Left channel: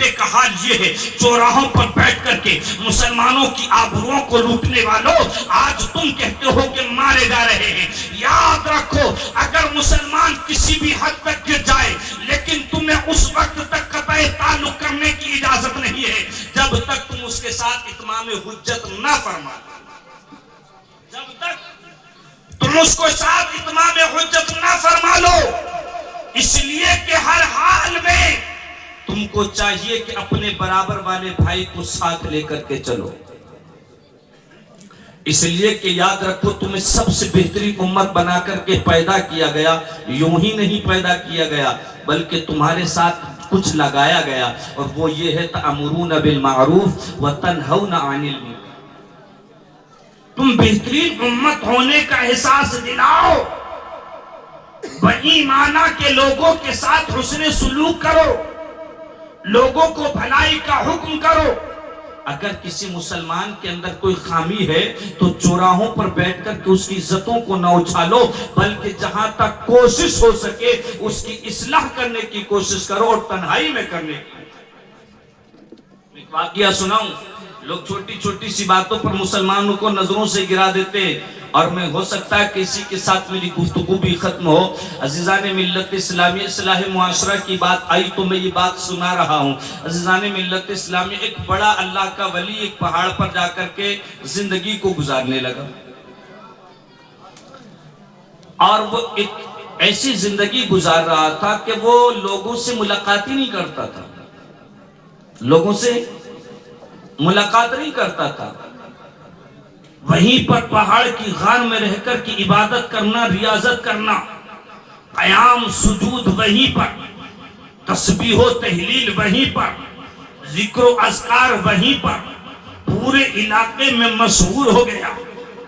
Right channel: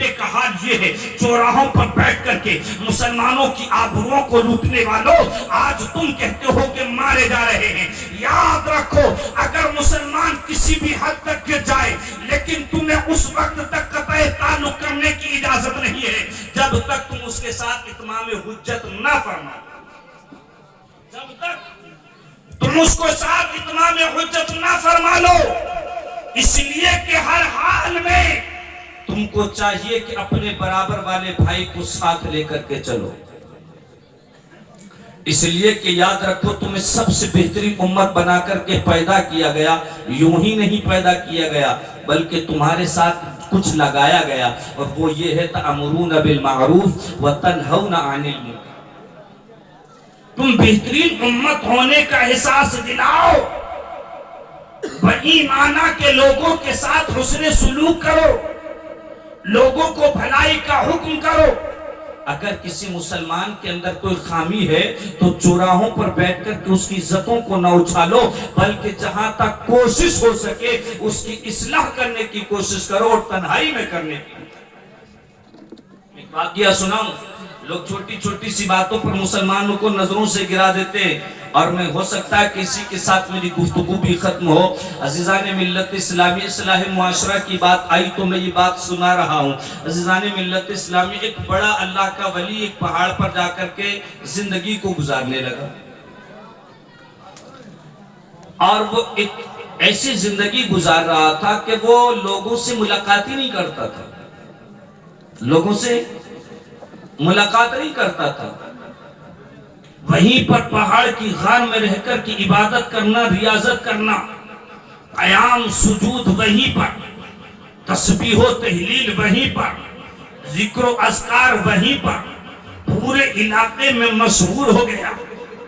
کا حال یہ ہے، چوراہوں پر بیٹھ کر کے مسلمانوں کی آبروؤں کو لوٹنے والوں، آج تم کہتے ہو کہ مارے جا رہے ہیں۔ یاد رکھو، اگر مسلمان کسی بھی حد تک گر جائے، لیکن تمہیں اس وقت تک قطع تعلق کرنے کی اجازت نہیں ہے جب تک تم اس کے ساتھ اتمام حجت نہ فرما دو۔ جب تک تم اس کو ساتھ اتمام حجت نہ فرما لو، اس لیے کہ ہر حال میں تم کو چاہیے کہ اپنے برابر والے بھائی کو ساتھ لے کر کے چلو۔ اس لیے کہ یاد رکھو، تمہیں سب سے بہترین امت بنا کر کے پیدا کیا گیا، یوں ہی نہیں پیدا کیا گیا بلکہ تمہارے ساتھ کچھ لگایا گیا، اور وہ یہ ہے تَأْمُرُونَ بِالْمَعْرُوفِ وَتَنْهَوْنَ عَنِ الْمُنکَرِ۔ تم بہترین امت ہونے کا احساس دلاؤ، وہی معنی کہ لوگوں کے ساتھ حسن سلوک کرو، لوگوں کو بھلائی کا حکم کرو۔ اگر کسی مسلمان کے اندر کوئی خامی ہے تو چوراہوں پر بیٹھ کر کے اس کی عزتوں کو نہ اچھالو، بلکہ جہاں تک کوشش ہو سکے اس کی اصلاح کرنے کی کوشش کرو، اور تنہائی میں کرنے کی۔ ایک واقعہ سناؤں، لوگ چھوٹی چھوٹی سی باتوں پر مسلمانوں کو نظروں سے گرا دیتے ہیں، اور میں ہو سکتا ہے کسی کے ساتھ میری گفتگو بھی ختم ہو۔ عزیزان ملت اسلامی، اصلاح معاشرہ کی بات آئی تو میں یہ بات سنا رہا ہوں۔ عزیزان ملت اسلامی، ایک بڑا اللہ کا ولی ایک پہاڑ پر جا کر کے زندگی کو گزارنے لگا، اور وہ ایک ایسی زندگی گزار رہا تھا کہ وہ لوگوں سے ملاقات ہی نہیں کرتا تھا، لوگوں سے ملاقات نہیں کرتا تھا۔ وہیں پر پہاڑ کی غار میں رہ کر کی عبادت کرنا، ریاضت کرنا، قیام سجود وہیں پر، تسبیح و تحلیل وہیں پر، ذکر و اذکار وہیں پر، پورے علاقے میں مشہور ہو گیا۔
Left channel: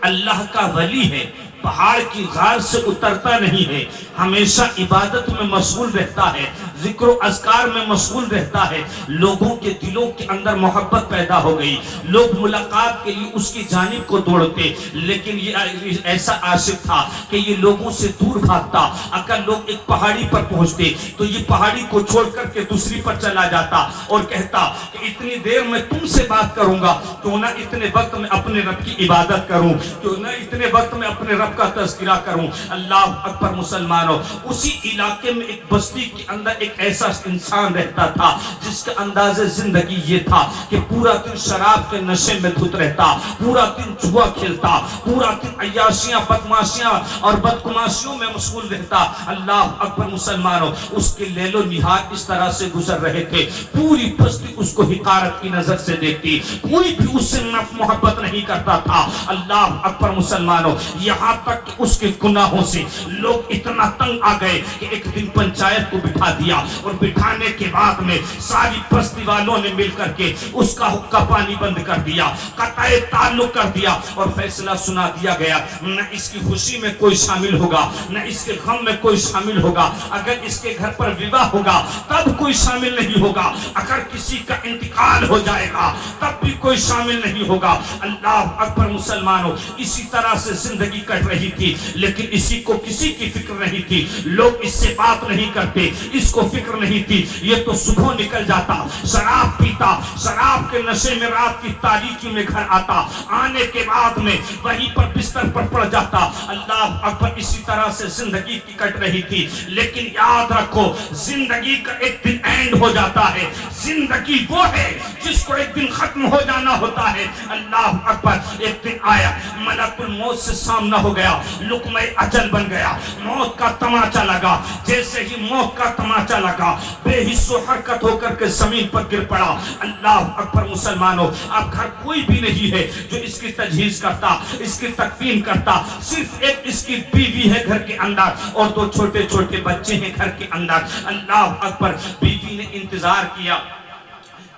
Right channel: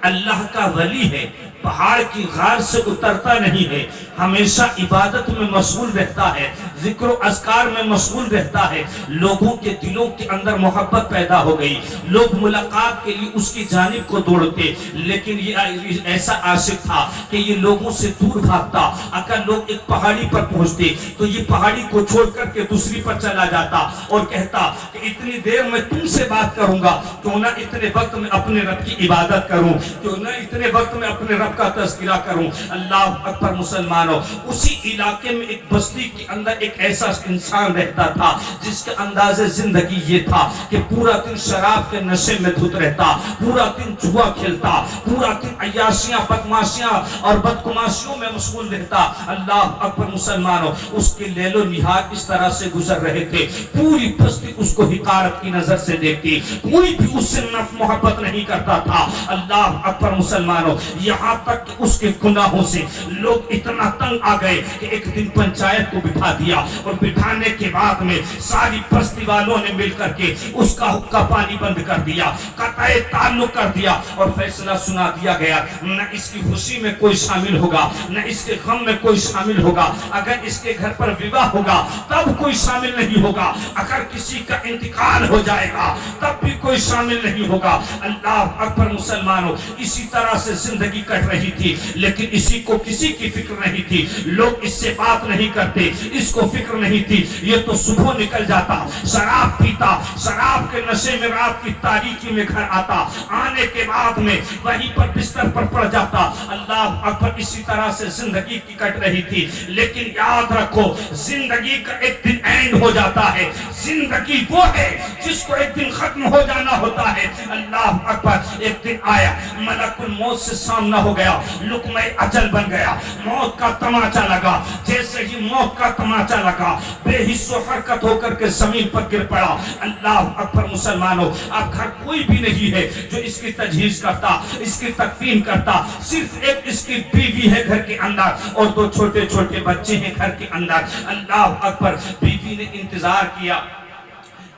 اللہ کا ولی ہے، پہاڑ کی غار سے اترتا نہیں ہے، ہمیشہ عبادت میں مشغول رہتا ہے، ذکر و اذکار میں مشغول رہتا ہے۔ لوگوں کے دلوں کے اندر محبت پیدا ہو گئی، لوگ ملاقات کے لیے اس کی جانب کو دوڑتے، لیکن یہ ایسا عاشق تھا کہ یہ لوگوں سے دور بھاگتا۔ اگر لوگ ایک پہاڑی پر پہنچتے تو یہ پہاڑی کو چھوڑ کر کے دوسری پر چلا جاتا اور کہتا کہ اتنی دیر میں تم سے بات کروں گا، کیوں نہ اتنے وقت میں اپنے رب کی عبادت کروں، کیوں نہ اتنے وقت میں اپنے رب کا تذکرہ کروں۔ اللہ اکبر مسلمانوں، اسی علاقے میں ایک بستی کے اندر ایک ایسا انسان رہتا تھا جس کا انداز زندگی یہ تھا کہ پورا دن شراب کے نشے میں دھت رہتا، پورا دن جوا کھیلتا، پورا دن عیاشیاں بدماشیاں اور بدکماشیوں میں مشغول رہتا۔ اللہ اکبر مسلمانوں، اس کے لیل و نہار اس طرح سے گزر رہے تھے، پوری بستی اس کو حقارت کی نظر سے دیکھتی، کوئی بھی اس سے محبت نہیں کرتا تھا۔ اللہ اکبر مسلمانوں، یہاں تک کہ اس کے گناہوں سے لوگ اتنا تنگ آ گئے کہ ایک دن پنچایت کو بٹھا دیا، اور بٹھانے کے بعد میں ساری بستی والوں نے مل کر کے اس کا حقہ پانی بند کر دیا، قطع تعلق کر دیا، اور فیصلہ سنا دیا گیا، نہ اس کی خوشی میں کوئی شامل ہوگا، نہ اس کے غم میں کوئی شامل ہوگا۔ اگر اس کے گھر پر وواہ ہوگا تب کوئی شامل نہیں ہوگا، اگر کسی کا انتقال ہو جائے گا تب بھی کوئی شامل نہیں ہوگا۔ اللہ اکبر مسلمانوں، اسی طرح سے زندگی کٹ رہی تھی، لیکن اسی کو کسی کی فکر نہیں تھی، لوگ اس سے بات نہیں کرتے، اس کو فکر نہیں تھی۔ یہ تو صبح نکل جاتا، شراب پیتا، شراب کے نشے میں رات کی تاریکی میں گھر آتا، آنے کے بعد میں وہیں پر بستر پر پڑ جاتا۔ اللہ اکبر، اسی طرح سے زندگی کی کٹ رہی تھی، لیکن یاد رکھو زندگی کا ایک دن اینڈ ہو جاتا ہے۔ زندگی وہ ہے جس کو ایک دن ختم ہو جانا ہوتا ہے۔ اللہ اکبر، ایک دن آیا، ملک الموت سے سامنا ہو گیا، لقمہ اجل بن گیا، موت کا تماچا لگا۔ جیسے ہی موت کا تماچا لگا، بے حس و حرکت ہو کر کے زمین پر گر پڑا۔ اللہ اکبر مسلمانوں، اب گھر کوئی بھی نہیں ہے جو اس کی تجہیز کرتا، اس کی تکفین کرتا، صرف ایک اس کی بیوی ہے گھر کے اندر، اور دو چھوٹے چھوٹے بچے ہیں گھر کے اندر۔ اللہ اکبر، بیوی نے انتظار کیا،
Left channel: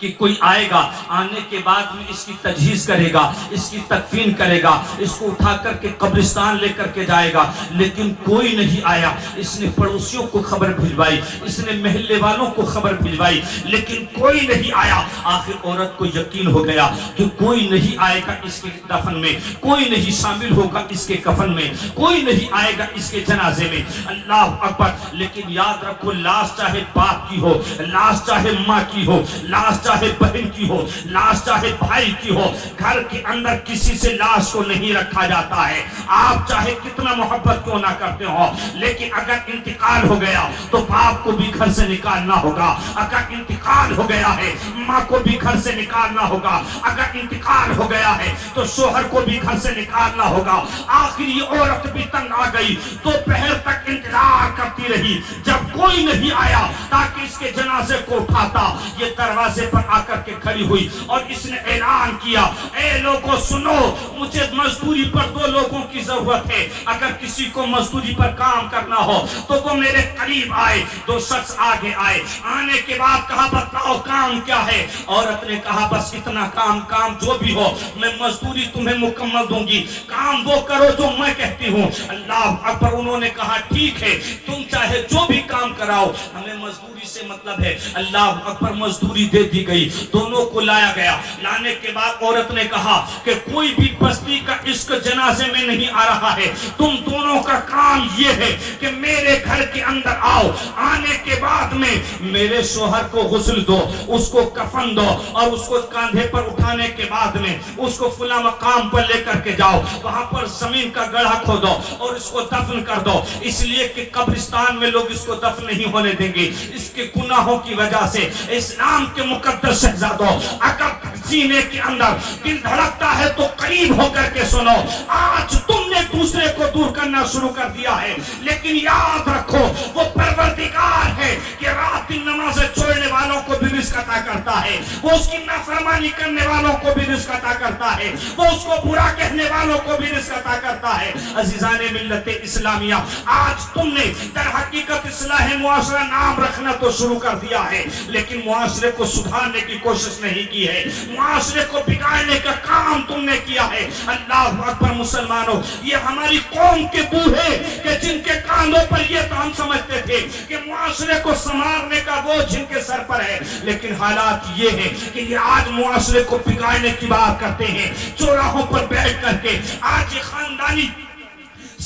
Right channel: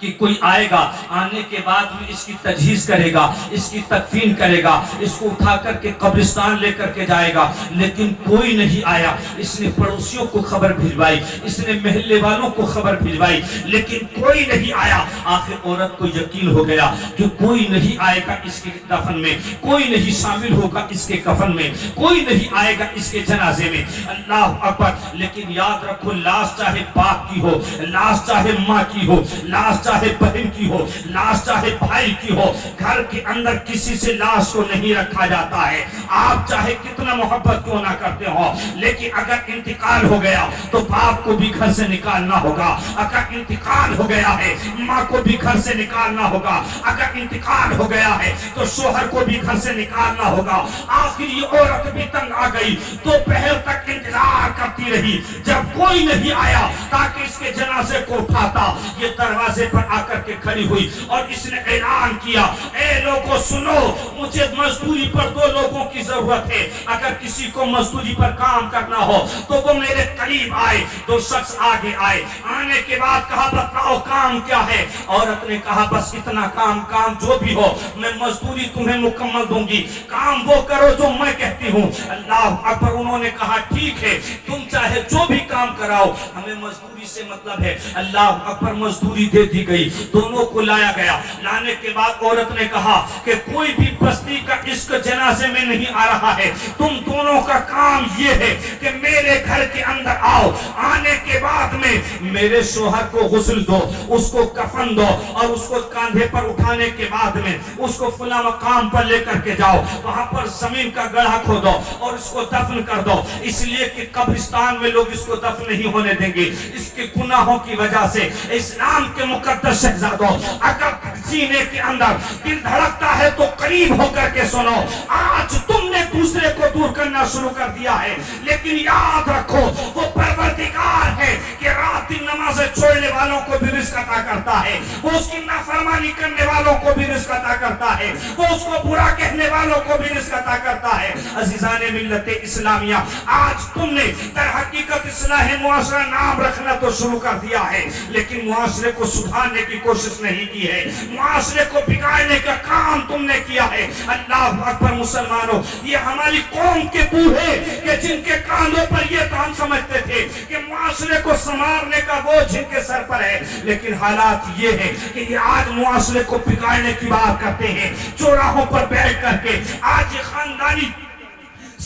کہ کوئی آئے گا, آنے کے بعد میں اس کی تجہیز کرے گا, اس کی تکفین کرے گا, اس کو اٹھا کر کے قبرستان لے کر کے جائے گا, لیکن کوئی نہیں آیا. اس نے پڑوسیوں کو خبر بھجوائی, اس نے محلے والوں کو خبر بھجوائی, لیکن کوئی نہیں آیا. آخر عورت کو یقین ہو گیا کہ کوئی نہیں آئے گا اس کے دفن میں, کوئی نہیں شامل ہوگا اس کے کفن میں, کوئی نہیں آئے گا اس کے جنازے میں. اللہ اکبر. لیکن یاد رکھو, لاش چاہے باپ کی ہو, لاش چاہے ماں کی ہو, لاش چاہے بہن کی ہو, لاش چاہے بھائی کی ہو, گھر کے اندر کسی سے لاش کو نہیں رکھا جاتا ہے. آپ چاہے کتنا محبت کیوں نہ کرتے ہو, لیکن اگر انتقال ہو گیا تو باپ کو بھی گھر سے نکالنا ہوگا. اگر انتقال ہو گیا ہے ماں کو بھی گھر سے نکالنا ہوگا. اگر انتقال ہو گیا ہے تو شوہر کو بھی گھر سے نکالنا ہوگا. آخر یہ عورت بھی تنگ آ گئی, دوپہر تک انتظار کرتی رہی, جب کوئی نہیں آیا تاکہ اس کے جنازے کو اٹھاتا. یہ دروازے پر آ کر کے کھڑی ہوئی اور اس نے اعلان کیا, اے لوگوں سنو, مجھے مزدوری پر 2 لوگوں کی ضرورت ہے. اگر کسی کو مزدوری پر کام کرنا ہو تو وہ میرے قریب آئے. 2 شخص آگے آئے, آنے کے بعد کہا بتاؤ کام کیا ہے. عورت نے کہا بس اتنا کام جو بھی ہو میں مزدوری تمہیں مکمل دوں گی, کام وہ کرو جو میں کہتی ہوں. اللہ اکبر. انہوں نے کہا ٹھیک ہے, تم چاہے جو بھی کام کراؤ, ہمیں مزدوری سے مطلب ہے. اللہ اکبر. مزدوری دے دی گئی, دونوں کو لایا گیا. لانے کے بعد عورت نے کہا کہ کوئی بھی بستی کا اس جنازے میں نہیں آ رہا ہے, تم دونوں کا کام یہ ہے کہ میرے گھر کے اندر آؤ, آنے کے بعد میں میرے شوہر کو غسل دو, اس کو کفن دو, اور اس کو کاندھے پر اٹھانے کے بعد میں اس کو فلاں مقام پر لے کر کے جاؤ, وہاں پر زمین کا گڑھا کھودو اور اس کو دفن کر دو. اس لیے کہ قبرستان میں لوگ اس کو دفن نہیں ہونے دیں گے اس کے گناہوں کی وجہ سے. اسلام کے مقدس شہزادوں, اگر سینے کے اندر دل دھڑکتا ہے تو قریب ہو کر کے سنو. آج تم نے دوسرے کو دور کرنا شروع کر دیا ہے, لیکن یاد رکھو وہ پروردگار ہے کہ رات دن نمازیں چھوڑنے والوں کو بھی رزق عطا کرتا ہے, وہ اس کی نافرمانی کرنے والوں کو بھی رزق عطا کرتا ہے, وہ اس کو برا کہنے والوں کو بھی رزق عطا کرتا ہے. عزیزان ملت اسلامیہ, آج تم نے در حقیقت اصلاح معاشرہ نام رکھنا تو شروع کر دیا ہے, لیکن معاشرے کو سدھارنے کی کوشش نہیں کی ہے, معاشرے کو بگاڑنے کا کام تم نے کیا ہے. اللہ اکبر. مسلمانوں, یہ ہماری قوم کے بوڑھے کہ جن کے کانوں پر یہ کام سمجھتے تھے کہ معاشرے کو سنوارنے کا بوجھ جن کے سر پر ہے, لیکن حالات یہ ہے کہ یہ آج معاشرے کو بگاڑنے کی بات کرتے ہیں, چوراہوں پر بیٹھ کر کے آج یہ خاندانی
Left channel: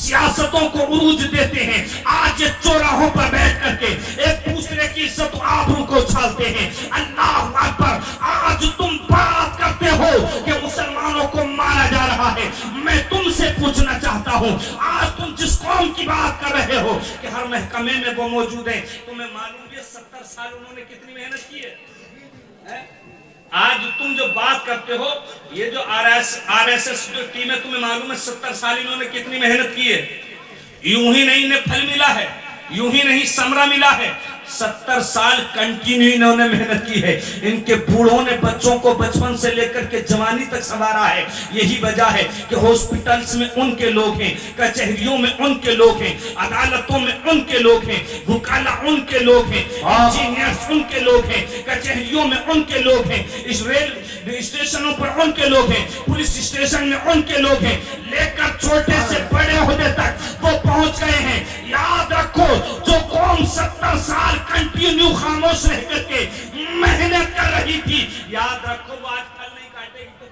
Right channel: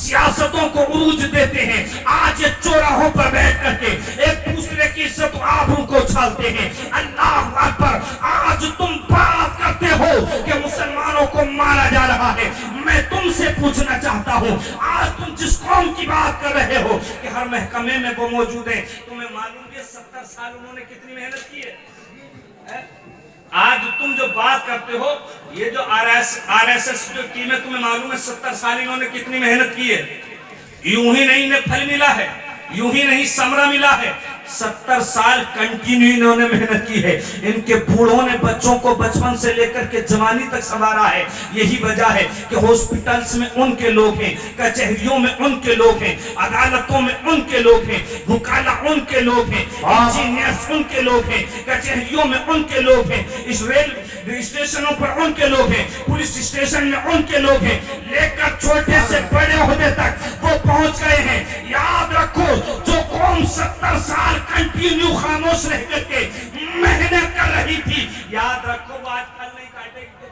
سیاستوں کو عروج دیتے ہیں, آج یہ چوراہوں پر بیٹھ کر کے ایک دوسرے کی عزت و آبرو کو چھالتے ہیں. اللہ اکبر. آج تم بات کرتے ہو کہ مسلمانوں کو مارا جا رہا ہے, میں تم سے پوچھنا چاہتا ہوں, آج تم جس قوم کی بات کر رہے ہو کہ ہر محکمے میں وہ موجود ہیں, تمہیں معلوم ہے 70 سال انہوں نے کتنی محنت کی ہے. آج تم جو بات کرتے ہو, یہ جو آر ایس ایس جو ٹیم ہے, تمہیں معلوم ہے 70 سال انہوں نے کتنی محنت کی ہے. یوں ہی نہیں انہیں پھل ملا ہے, یوں ہی نہیں ثمرہ ملا ہے, 70 سال کنٹینیو انہوں نے محنت کی ہے. ان کے بوڑھوں نے بچوں کو بچپن سے لے کر کے جوانی تک سنوارا ہے. یہی وجہ ہے کہ ہاسپٹلز میں ان کے لوگ ہیں, کچہریوں میں ان کے لوگ ہیں, عدالتوں میں ان کے لوگ ہیں, وکلا ان کے لوگ ہیں, انجینئرز ان کے لوگ ہیں, کچہریوں میں ان کے لوگ ہیں, اس ریل اسٹیشنوں پر ان کے لوگ ہیں, پولیس اسٹیشن میں ان کے لوگ ہیں, لے کر چھوٹے سے بڑے عہدے تک وہ پہنچ گئے ہیں. یاد رکھو, جو قوم 70 سال کنٹینیو خاموش رہ کر کے محنت کر رہی تھی, یاد رکھو وہ آج پھل نہیں کاٹے گی.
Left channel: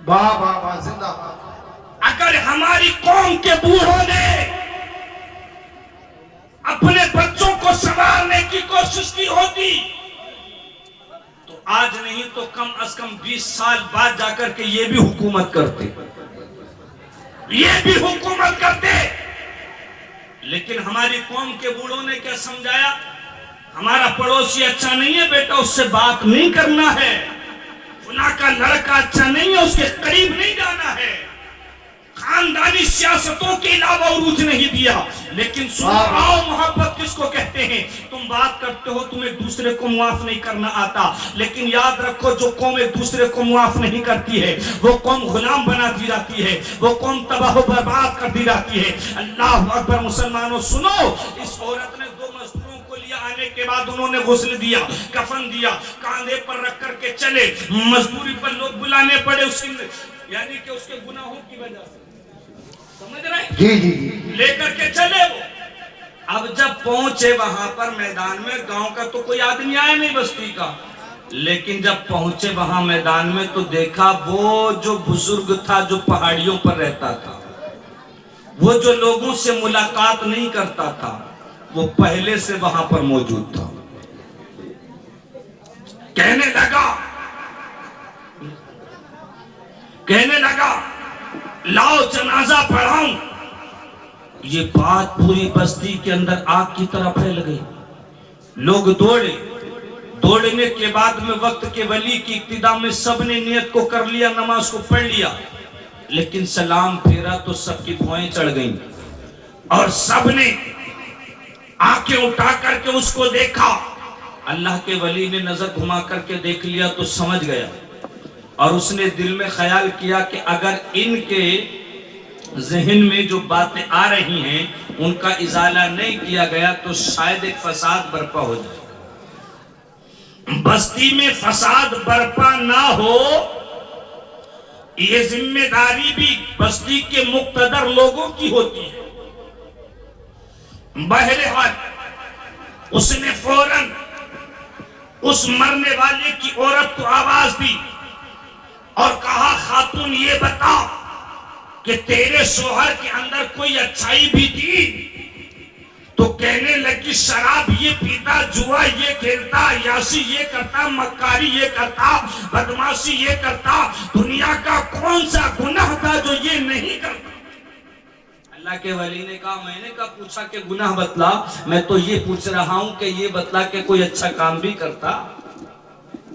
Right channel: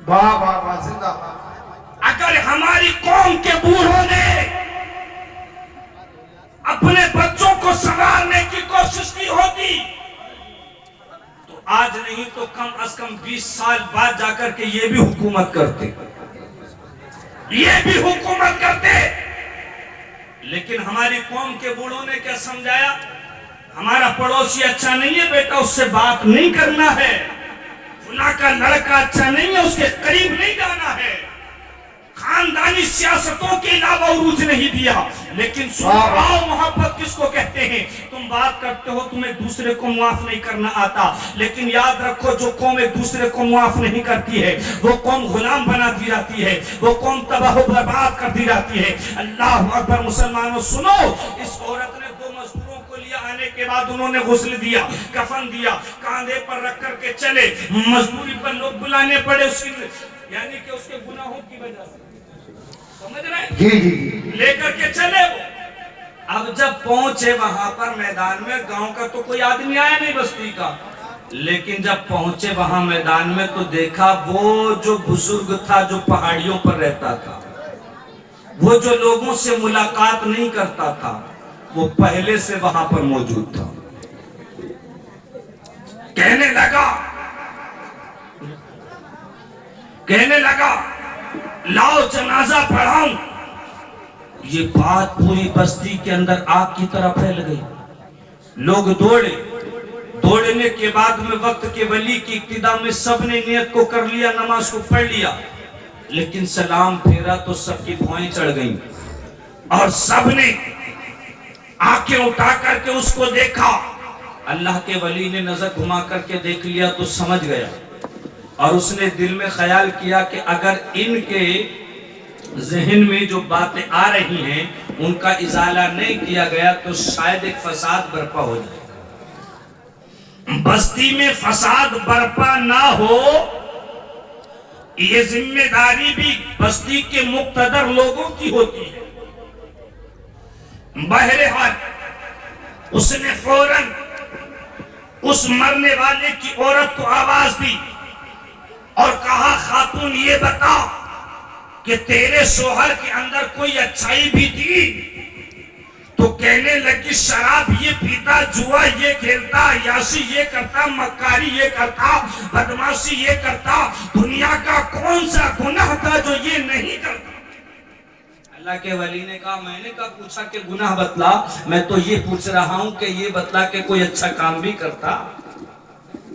واہ واہ واہ, زندہ باد. اگر ہماری قوم کے بوڑھوں نے اپنے بچوں کو سنوارنے کی کوشش کی ہوتی تو آج نہیں تو کم از کم 20 سال بعد جا کر کے یہ بھی حکومت کرتے, یہ بھی حکومت کرتے. لیکن ہماری قوم کے بوڑھوں نے کیا سمجھایا, ہمارا پڑوسی اچھا نہیں ہے بیٹا, اس سے بات نہیں کرنا ہے, فلاں کا لڑکا اچھا نہیں ہے, اس کے قریب نہیں جانا ہے. خاندانی سیاستوں کے علاوہ عروج نہیں دیا. لیکن سنو محبت کس کو کہتے ہیں. تم بات کرتے ہو تم ایک دوسرے کو معاف نہیں کرنا آتا, لیکن یاد رکھو جو قوم ایک دوسرے کو معاف نہیں کرتی ہے وہ قوم غلام بنا دی جاتی ہے, وہ قوم تباہ و برباد کر دی جاتی ہے. اللہ اکبر. مسلمانوں سنو, اس عورت نے 2 مزدوروں کو لیا, آنے کرنے کے بعد انہوں نے غسل دیا، کفن دیا، کاندھے پر رکھ کر کے چلے، مزدوری پر لوگ بلانے پڑے اس کی، یعنی کہ اس کے گناہوں کی وجہ سے، سمجھ رہے ہیں؟ جی لے کر کے چلے وہ۔ اب جب پہنچے وہاں پر میدان میں، گاؤں کا تو کوئی آدمی آیا نہیں بستی کا، لیکن جب پہنچے وہاں میدان میں تو دیکھا وہ جو بزرگ تھا جو پہاڑیوں پر رہتا تھا، وہ جو لوگوں سے ملاقات نہیں کرتا تھا، وہ پہلے سے وہاں پر موجود تھا۔ کہنے لگا لاؤ جنازہ پڑھاؤں۔ یہ بات پوری بستی کے اندر آگ کی طرح پھیل گئی، لوگ دوڑے، دوڑنے کے بعد میں وقت کے ولی کی ابتدا میں سب نے نیت کو کر لیا، نماز کو پڑھ لیا، لیکن سلام پھیرا تو سب کی بھوائیں چڑھ گئیں اور سب نے آنکھیں اٹھا کر کے اس کو دیکھا۔ اللہ کے ولی نے نظر گھما کر کے دیکھ لیا تو سمجھ گیا، اور اس نے دل میں خیال کیا کہ اگر ان کے ذہن میں جو باتیں آ رہی ہیں ان کا ازالہ نہیں کیا گیا تو شاید ایک فساد برپا ہو جائے۔ بستی میں فساد برپا نہ ہو، یہ ذمہ داری بھی بستی کے مقتدر لوگوں کی ہوتی ہے۔ بہرحال اس نے فوراً اس مرنے والے کی عورت کو آواز دی اور کہا خاتون یہ بتا کہ تیرے شوہر کے اندر کوئی اچھائی بھی تھی؟ تو کہنے لگی شراب یہ پیتا، جوا یہ کھیلتا، عیاشی یہ کرتا، مکاری یہ کرتا، بدماشی یہ کرتا، دنیا کا کون سا گناہ تھا جو یہ نہیں کرتا؟ اللہ کے ولی نے کہا میں نے کہا پوچھا کہ گناہ بتلا، میں تو یہ پوچھ رہا ہوں کہ یہ بتلا کہ کوئی اچھا کام بھی کرتا۔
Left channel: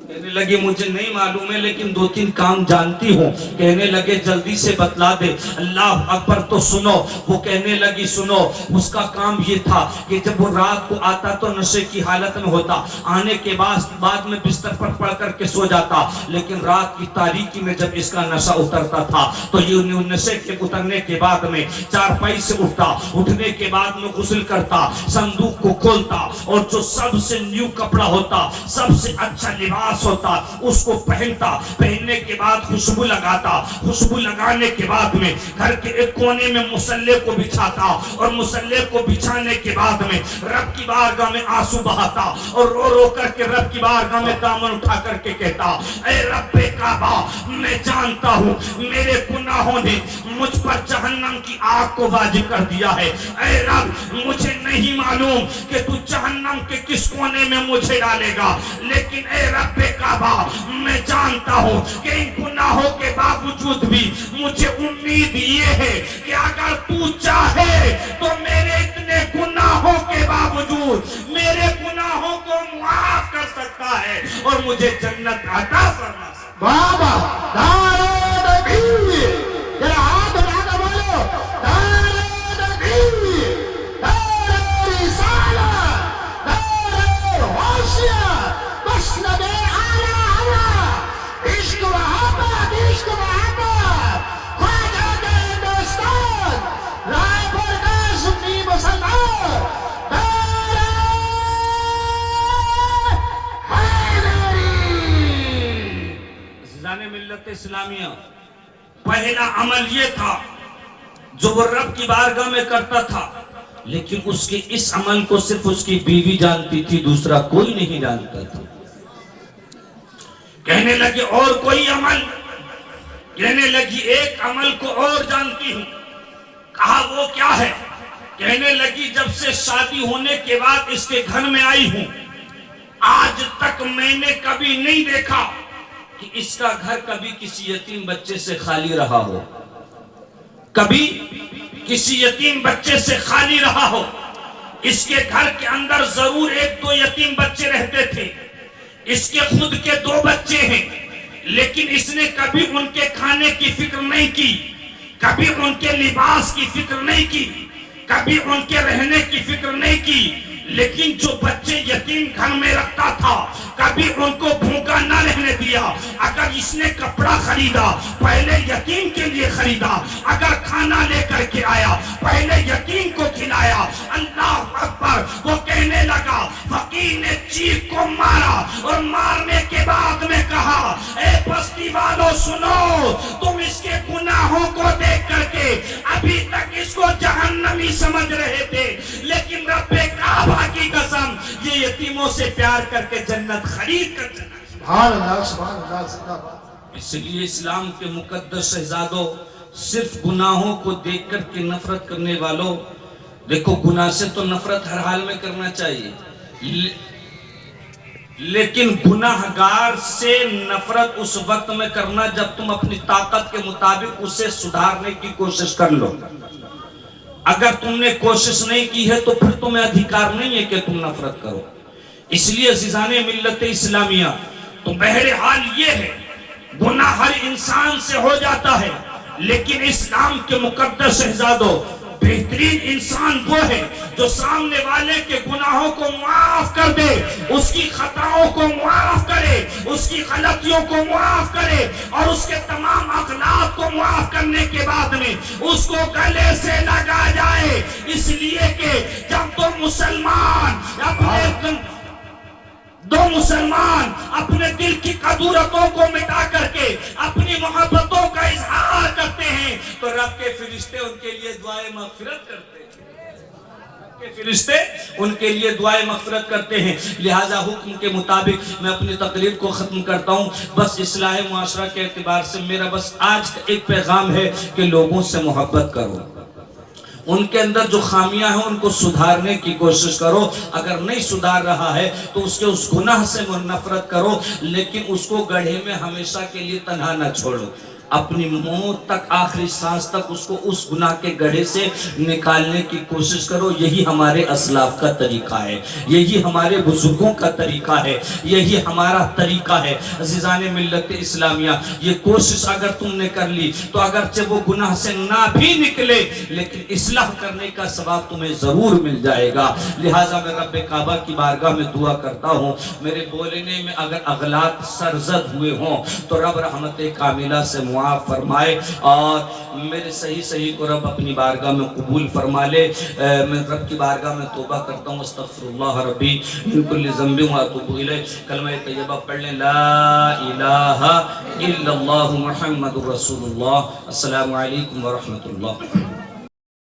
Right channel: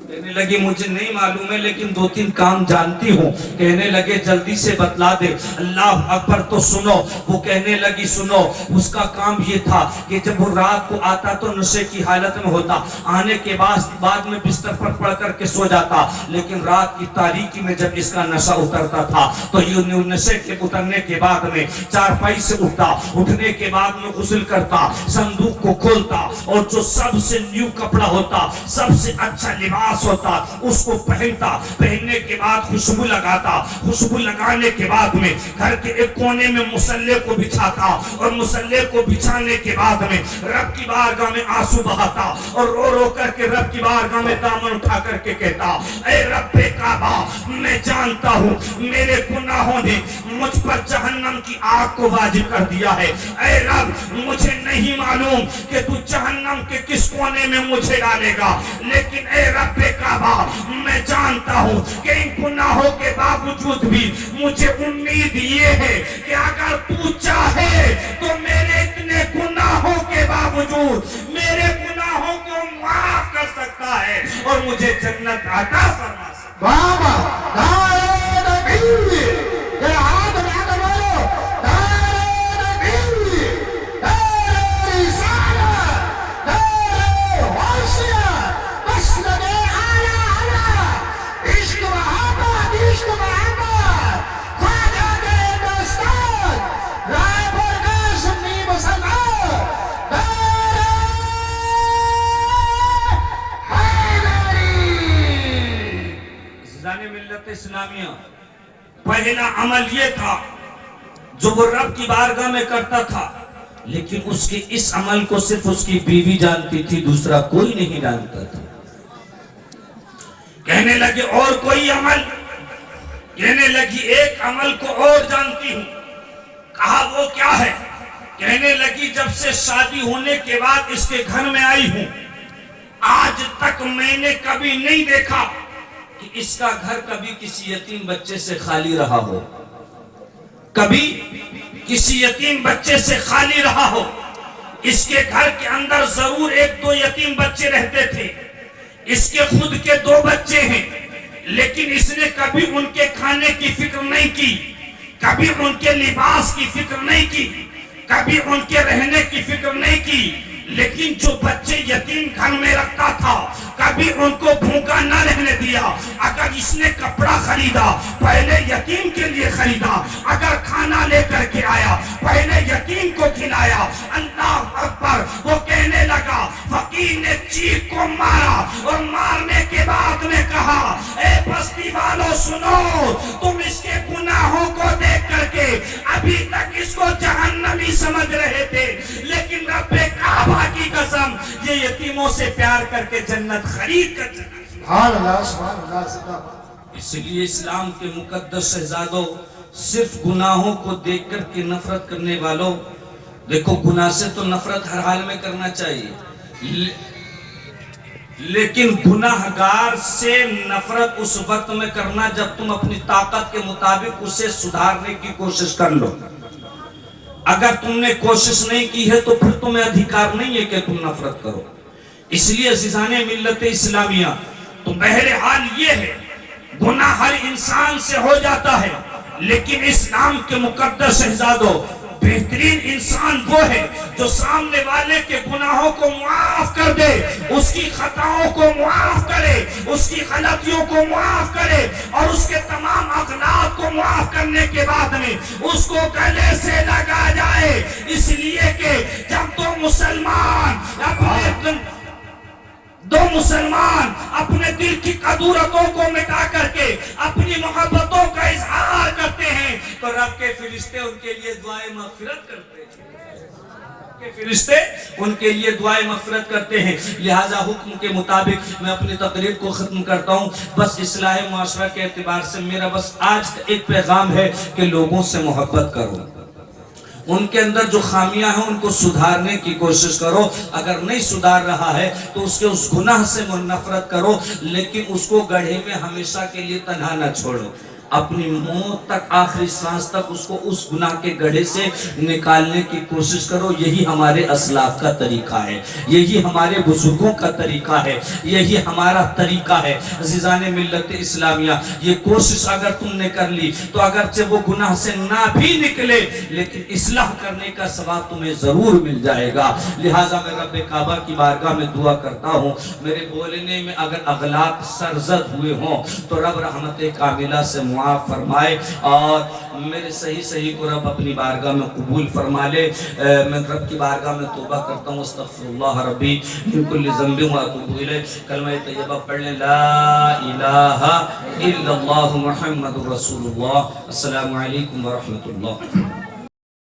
کہنے لگی مجھے نہیں معلوم ہے لیکن 2-3 کام جانتی ہوں۔ کہنے لگے جلدی سے بتلا دے۔ اللہ اکبر، تو سنو۔ وہ کہنے لگی سنو، اس کا کام یہ تھا کہ جب وہ رات کو آتا تو نشے کی حالت میں ہوتا، آنے کے بعد میں بستر پر پڑ کر کے سو جاتا، لیکن رات کی تاریکی میں جب اس کا نشہ اترتا تھا تو یہ نشے کے اترنے کے بعد میں چارپائی سے اٹھتا، اٹھنے کے بعد میں غسل کرتا، صندوق کو کھولتا اور جو سب سے نیو کپڑا ہوتا، سب سے اچھا لباس ہوتا، اس کو پہنتا، پہننے کے بعد خوشبو لگاتا، خوشبو لگانے کے بعد میں گھر کے ایک کونے میں مصلے کو بچھاتا، اور مصلے کو بچھانے کے بعد میں رب کی بارگاہ میں آنسو بہاتا اور رو رو کر کے رب کی بارگاہ میں دامن اٹھا کر کے کہتا اے رب کعبہ، میں جانتا ہوں میرے گناہوں نے مجھ پر جہنم کی آگ کو واجب کر دیا ہے، اے رب مجھے نہیں معلوم کہ تو جہنم کے کس کونے میں مجھے ڈالے گا، لیکن اے رب کعبہ میں جانتا ہوں کہ ان گناہوں کے باوجود بھی مجھے امید یہ ہے کہ اگر تو چاہے تو میرے اتنے گناہوں کے باوجود میرے گناہوں کو معاف کر سکتا ہے اور مجھے جنت عطا فرما سکتا ہے۔ بابا نعرہ تکبیر، ذرا ہاتھ اٹھا کر بولو نعرہ تکبیر، نعرہ رسالت، نعرہ حیثیت، مسند اعلی اعلی، عشق محبت، عشق محبت، خواجہ ہندوستان، رائے پور کا سنی مسلمان، نعرہ حیدری۔ عزیزان ملت اسلامیہ، پہلا عمل یہ تھا جو وہ رب کی بارگاہ میں کرتا تھا، لیکن اس کے اس عمل کو صرف اس کی بیوی جانتی تھی، دوسرا کوئی نہیں جانتا تھا۔ کہنے لگے اور کوئی عمل؟ کہنے لگی ایک عمل کو اور جانتی ہوں۔ کہا وہ کیا ہے؟ کہنے لگی جب سے شادی ہونے کے بعد اس کے گھر میں آئی ہوں، آج تک میں نے کبھی نہیں دیکھا کہ اس کا گھر کبھی کسی یتیم بچے سے خالی رہا ہو، کبھی کسی یتیم بچے سے خالی رہا ہو۔ اس کے گھر کے اندر ضرور 1-2 یتیم بچے رہتے تھے، اس کے خود کے 2 بچے ہیں، لیکن اس نے کبھی ان کے کھانے کی فکر نہیں کی، کبھی ان کے لباس کی فکر نہیں کی، کبھی ان کے رہنے کی فکر نہیں کی، لیکن جو بچے یتیم گھر میں رکھتا تھا کبھی ان کو بھوکا نہ رہنے دیا. اگر اس نے کپڑا خریدا پہلے یتیم کے لیے خریدا, اگر کھانا لے کر کے آیا پہلے یتیم کو کھلایا. اللہ اکبر. وہ کہنے لگا, فقیر نے چیخ کو مارا اور مارنے کے بعد میں کہا, اے بستی والوں سنو, تم اس کے گناہوں کو دیکھ کر کے ابھی تک اس کو جہنمی سمجھ رہے تھے, لیکن رب کعبہ کی قسم یہ یتیموں سے پیار کر کے جنت خرید کر چلا. سبحان اللہ سبحان اللہ زندہ باد. اس لیے اسلام کے مقدس شہزادوں, صرف گناہوں کو دیکھ کر کے نفرت کرنے والوں, دیکھو گناہ سے تو نفرت ہر حال میں کرنا چاہیے, لیکن گناہ گار سے نفرت اس وقت میں کرنا جب تم اپنی طاقت کے مطابق اسے سدھارنے کی کوشش کر لو. اگر تم نے کوشش نہیں کی ہے تو پھر تمہیں ادھیکار نہیں ہے کہ تم نفرت کرو. اس لیے عزیزان ملت اسلامیہ, تو بہرحال یہ ہے, گناہ ہر انسان سے ہو جاتا ہے, لیکن اسلام کے مقدس شہزادوں, بہترین انسان وہ ہے جو سامنے والے کے گناہوں کو معاف کر دے, اس کی خطاؤں کو معاف کرے, اس کی غلطیوں کو معاف کرے, اور اس کے تمام اغلاط کو معاف کرنے کے بعد میں اس کو گلے سے لگا جائے. اس لیے کہ جب دو مسلمان اپنے دل کی قدورتوں کو مٹا کر کے اپنی محبتوں کا اظہار کرتے ہیں تو رب کے فرشتے ان کے لیے دعائیں مغفرت کرتے ہیں. فرشتے ان کے لیے دعائیں مغفرت کرتے ہیں. لہذا حکم کے مطابق میں اپنی تقریر کو ختم کرتا ہوں. بس اصلاح معاشرہ کے اعتبار سے میرا بس آج کا ایک پیغام ہے کہ لوگوں سے محبت کرو, ان کے اندر جو خامیاں ہیں ان کو سدھارنے کی کوشش کرو. اگر نہیں سدھار رہا ہے تو اس کے اس گناہ سے نفرت کرو, لیکن اس کو گڑھے میں ہمیشہ کے لیے تنہا نہ چھوڑو. اپنی موت تک, آخری سانس تک اس کو اس گناہ کے گڑھے سے نکالنے کی کوشش کرو. یہی ہمارے اسلاف کا طریقہ ہے, یہی ہمارے بزرگوں کا طریقہ ہے, یہی ہمارا طریقہ ہے. عزیزان ملت اسلامیہ, یہ کوشش اگر تم نے کر لی تو اگرچہ وہ گناہ سے نہ بھی نکلے لیکن اصلاح کرنے کا ثواب تمہیں ضرور مل جائے گا. لہٰذا میں رب کعبہ کی بارگاہ میں دعا کرتا ہوں, میرے بولنے میں اگر اغلاط سرزد ہوئے ہوں تو رب رحمت کاملہ سے معاف فرمائے, اور میرے صحیح کو رب اپنی بارگاہ میں قبول فرما لے. میں رب کی بارگاہ میں توبہ کرتا ہوں, استغفر اللہ ربی من کل ذنب واتوب الیہ. کلمہ طیبہ پڑھ لیں, لا الہ الا اللہ محمد رسول اللہ. السلام علیکم ورحمۃ اللہ.